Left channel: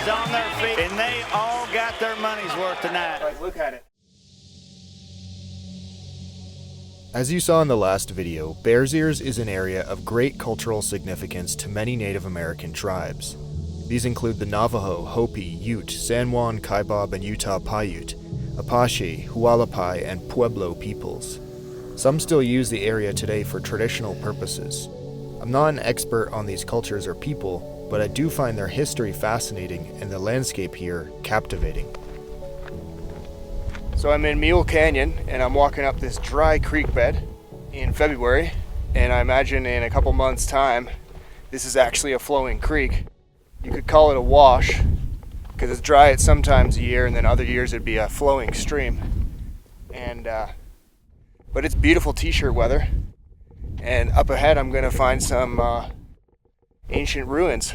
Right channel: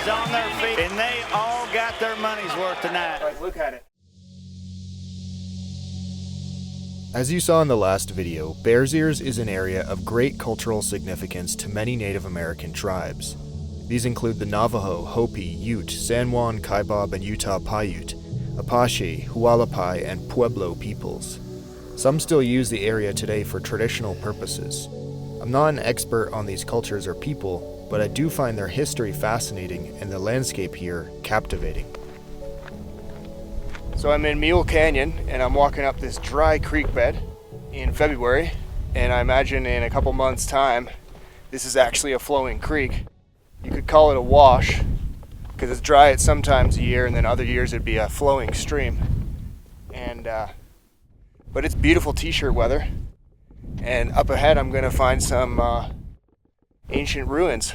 Everybody's on their feet, and they all got their money's worth tonight. Like, look at it. As you saw in the last video, Bears Ears is an area of great cultural significance to many Native American tribes. These include the Navajo, Hopi, Ute, San Juan, Kaibab, and Utah Paiute, Apache, Hualapai, and Pueblo peoples. Some still use the area today for traditional purposes. I'm not an expert on these cultures or people, but I do find their history fascinating and the landscape here captivating. So I'm in Mule Canyon, and I'm walking up this dry creek bed in February, and I imagine in a couple months' time, this is actually a flowing creek. You could call it a wash, because it's dry at some times a year, and then other years it'd be a flowing stream. But it's beautiful t-shirt weather, and up ahead I'm going to find some ancient ruins.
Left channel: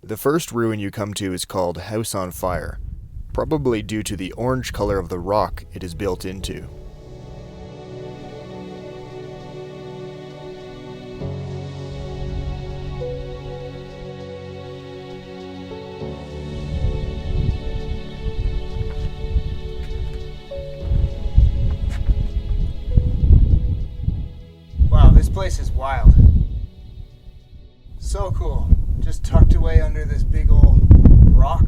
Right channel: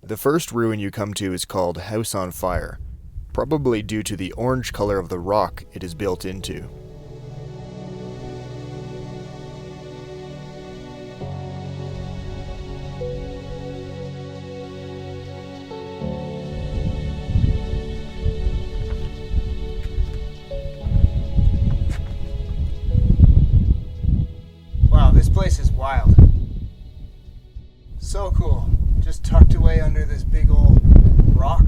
The first ruin you come to is called House on Fire, probably due to the orange color of the rock it is built into. Wow, this place is wild. So cool. Just tucked away under this big old rock.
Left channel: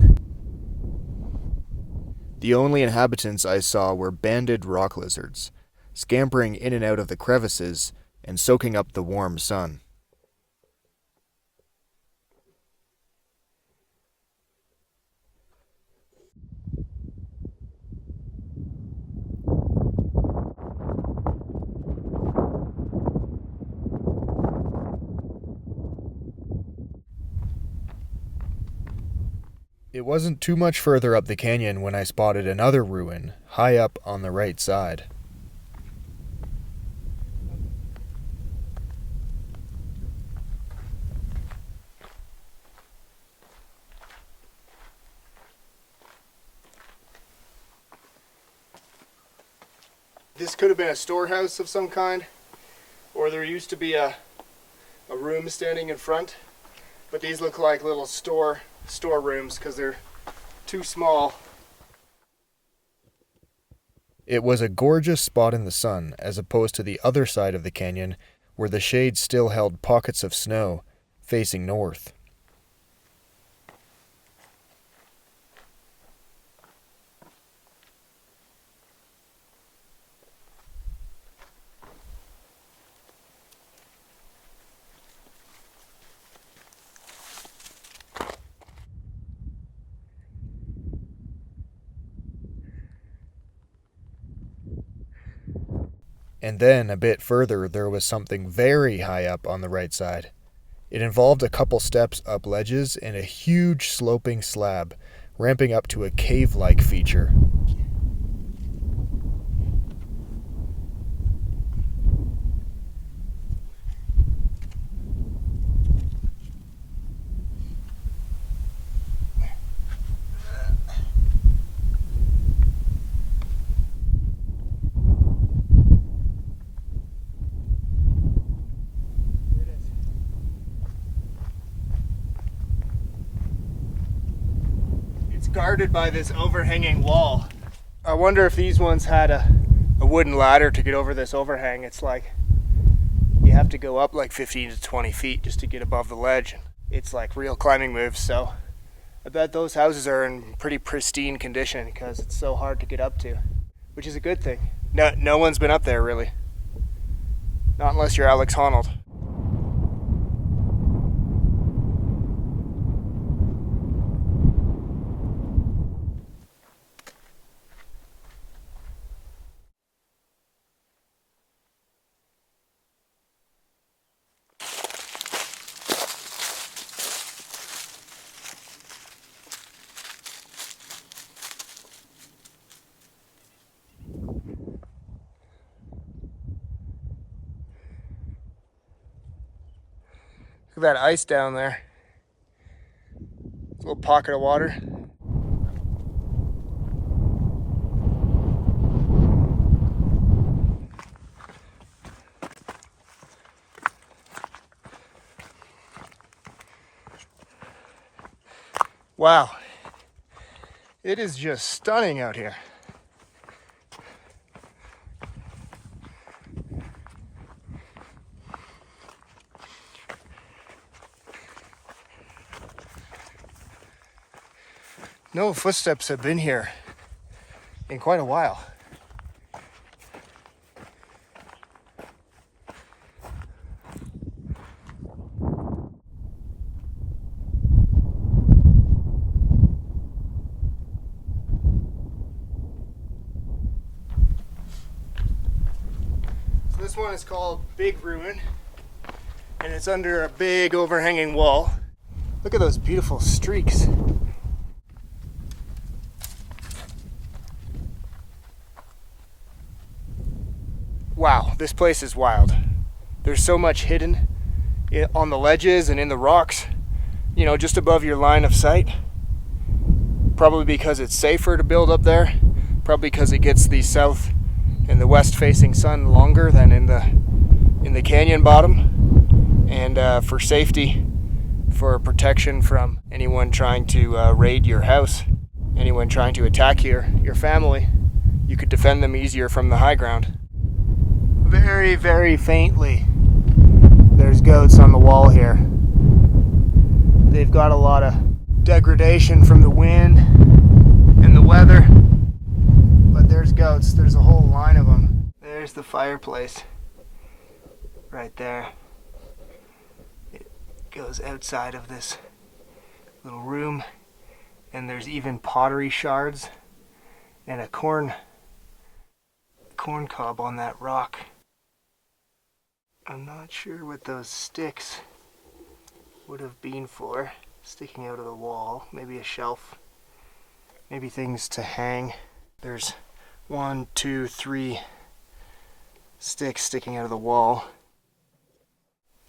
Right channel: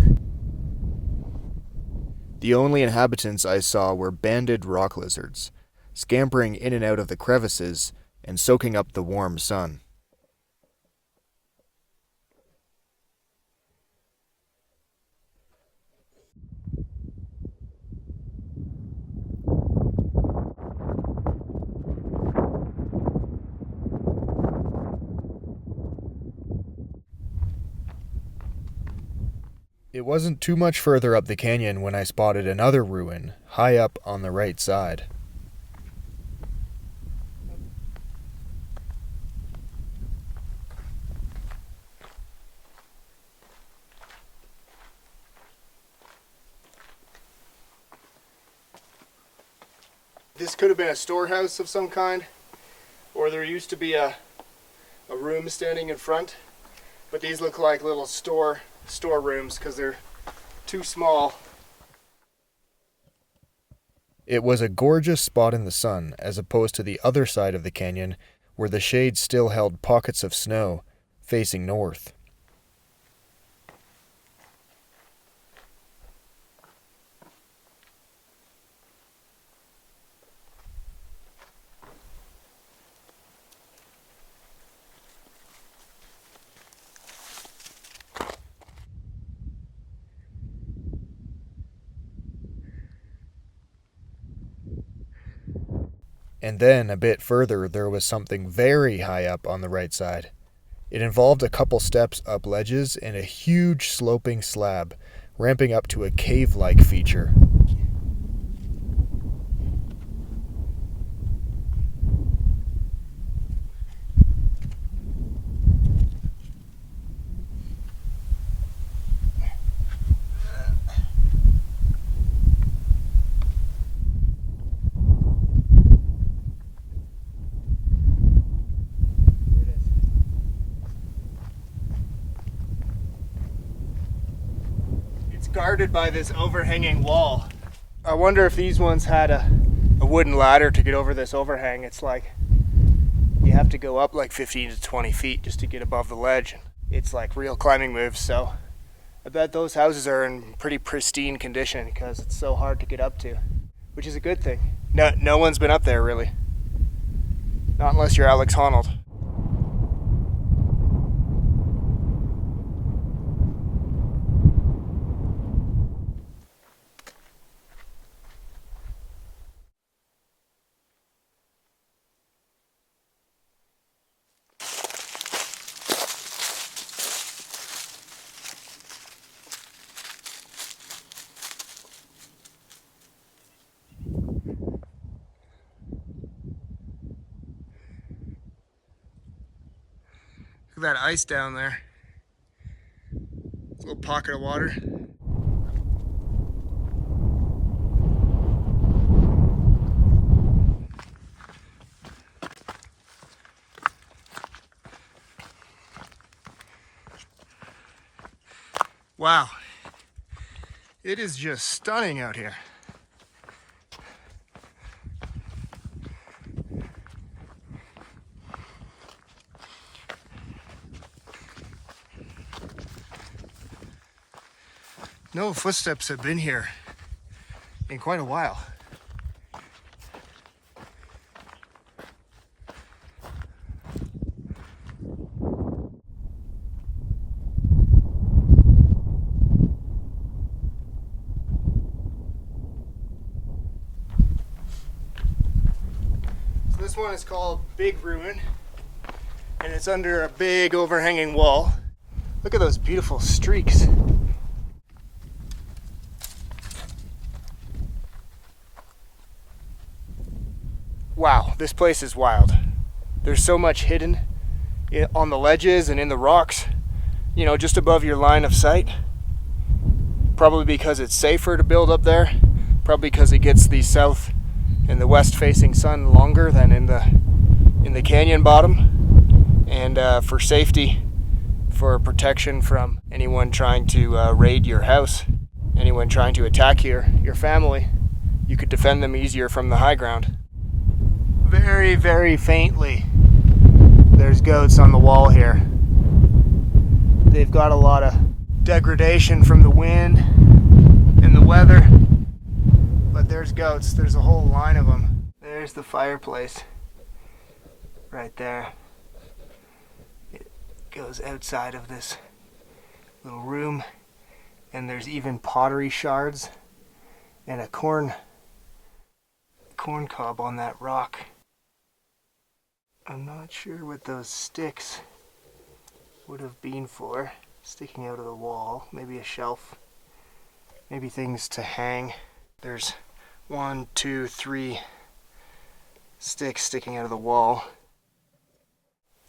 The only inhabitants I saw were banded rock lizards, scampering in and out of the crevices and soaking up the warm sun. It wasn't too much further up the canyon when I spotted another ruin, high up on the right side. This could have been a storehouse of some kind, or there used to be a room standing in front, but these look like little storerooms because they're too small. It was a gorgeous spot in the sun, as opposed to the other side of the canyon, where the shade still held pockets of snow, facing north. And then, a bit further, there was something very high up on the right side. It involved a couple steps up ledges and a huge sloping slab, ramping up to a cave-like feature. Guarded by this overhanging wall. I wonder if these ones had a wooden ladder to get over this overhang. It's like you have to go up like 15 to 20 feet just to get above the ledge. It's like real climbing moves, so I bet those houses are in pretty pristine condition because it's so hard to get up to, which is a good thing. No one's been up there really. Not unless you're Alex Honnold. Look at that ice down there. It's a little pocket of water. Wow. It is just stunning out here. No footsteps have been here in quite a while. So this one is called Big Ruin, and it's under a big overhanging wall. Look at those beautiful streaks. Wow, this place is wild. There's so much hidden on the ledges and in the rocks, you know, just above your line of sight. Probably because it's safer to build up there. Probably because it gets the south and the west facing sun longer than in the canyon bottom. And for safety, for protection from anyone trying to raid your house, anyone trying to attack your family, you could defend them easier from the high ground. Very, very faintly, there's goats on the wall here. They've got a lot of degradation from the wind and the weather, but there's goats. There's a whole line of them. There's the fireplace right there. It goes outside of this little room, and there's even pottery shards and a corn cob on that rock. I'm not sure what those sticks would have been for, sticking out of the wall. Maybe a shelf, maybe things to hang. There's 1, 2, 3 sticks sticking out of the wall.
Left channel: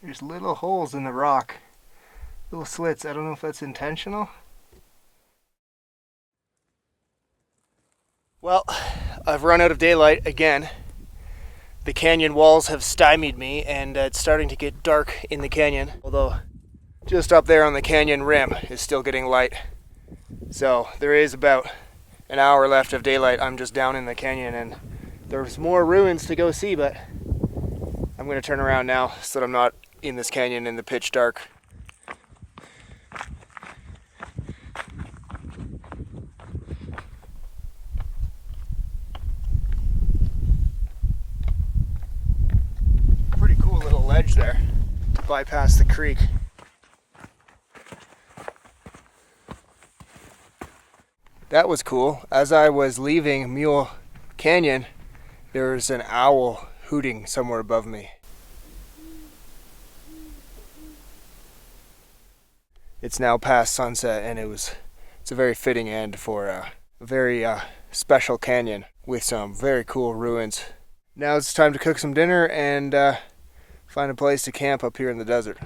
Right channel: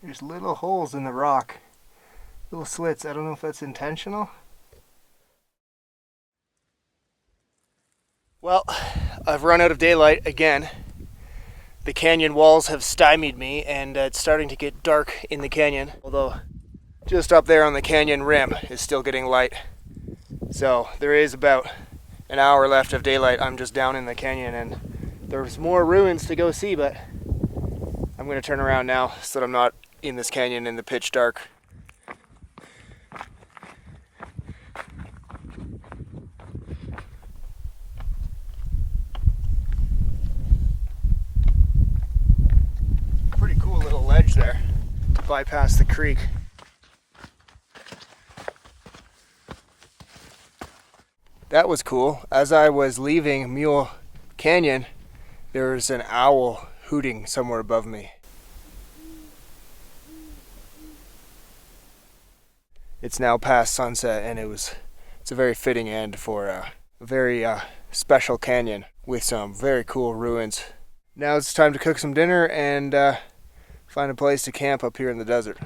There's little holes in the rock, little slits. I don't know if that's intentional. Well, I've run out of daylight again. The canyon walls have stymied me, and it's starting to get dark in the canyon, although just up there on the canyon rim is still getting light. So there is about an hour left of daylight. I'm just down in the canyon, and there's more ruins to go see, but I'm going to turn around now so that I'm not in this canyon in the pitch dark. Pretty cool little ledge there to bypass the creek. That was cool. As I was leaving Mule Canyon, there was an owl hooting somewhere above me. It's now past sunset, and it's a very fitting end for a very special canyon with some very cool ruins. Now it's time to cook some dinner and find a place to camp up here in the desert.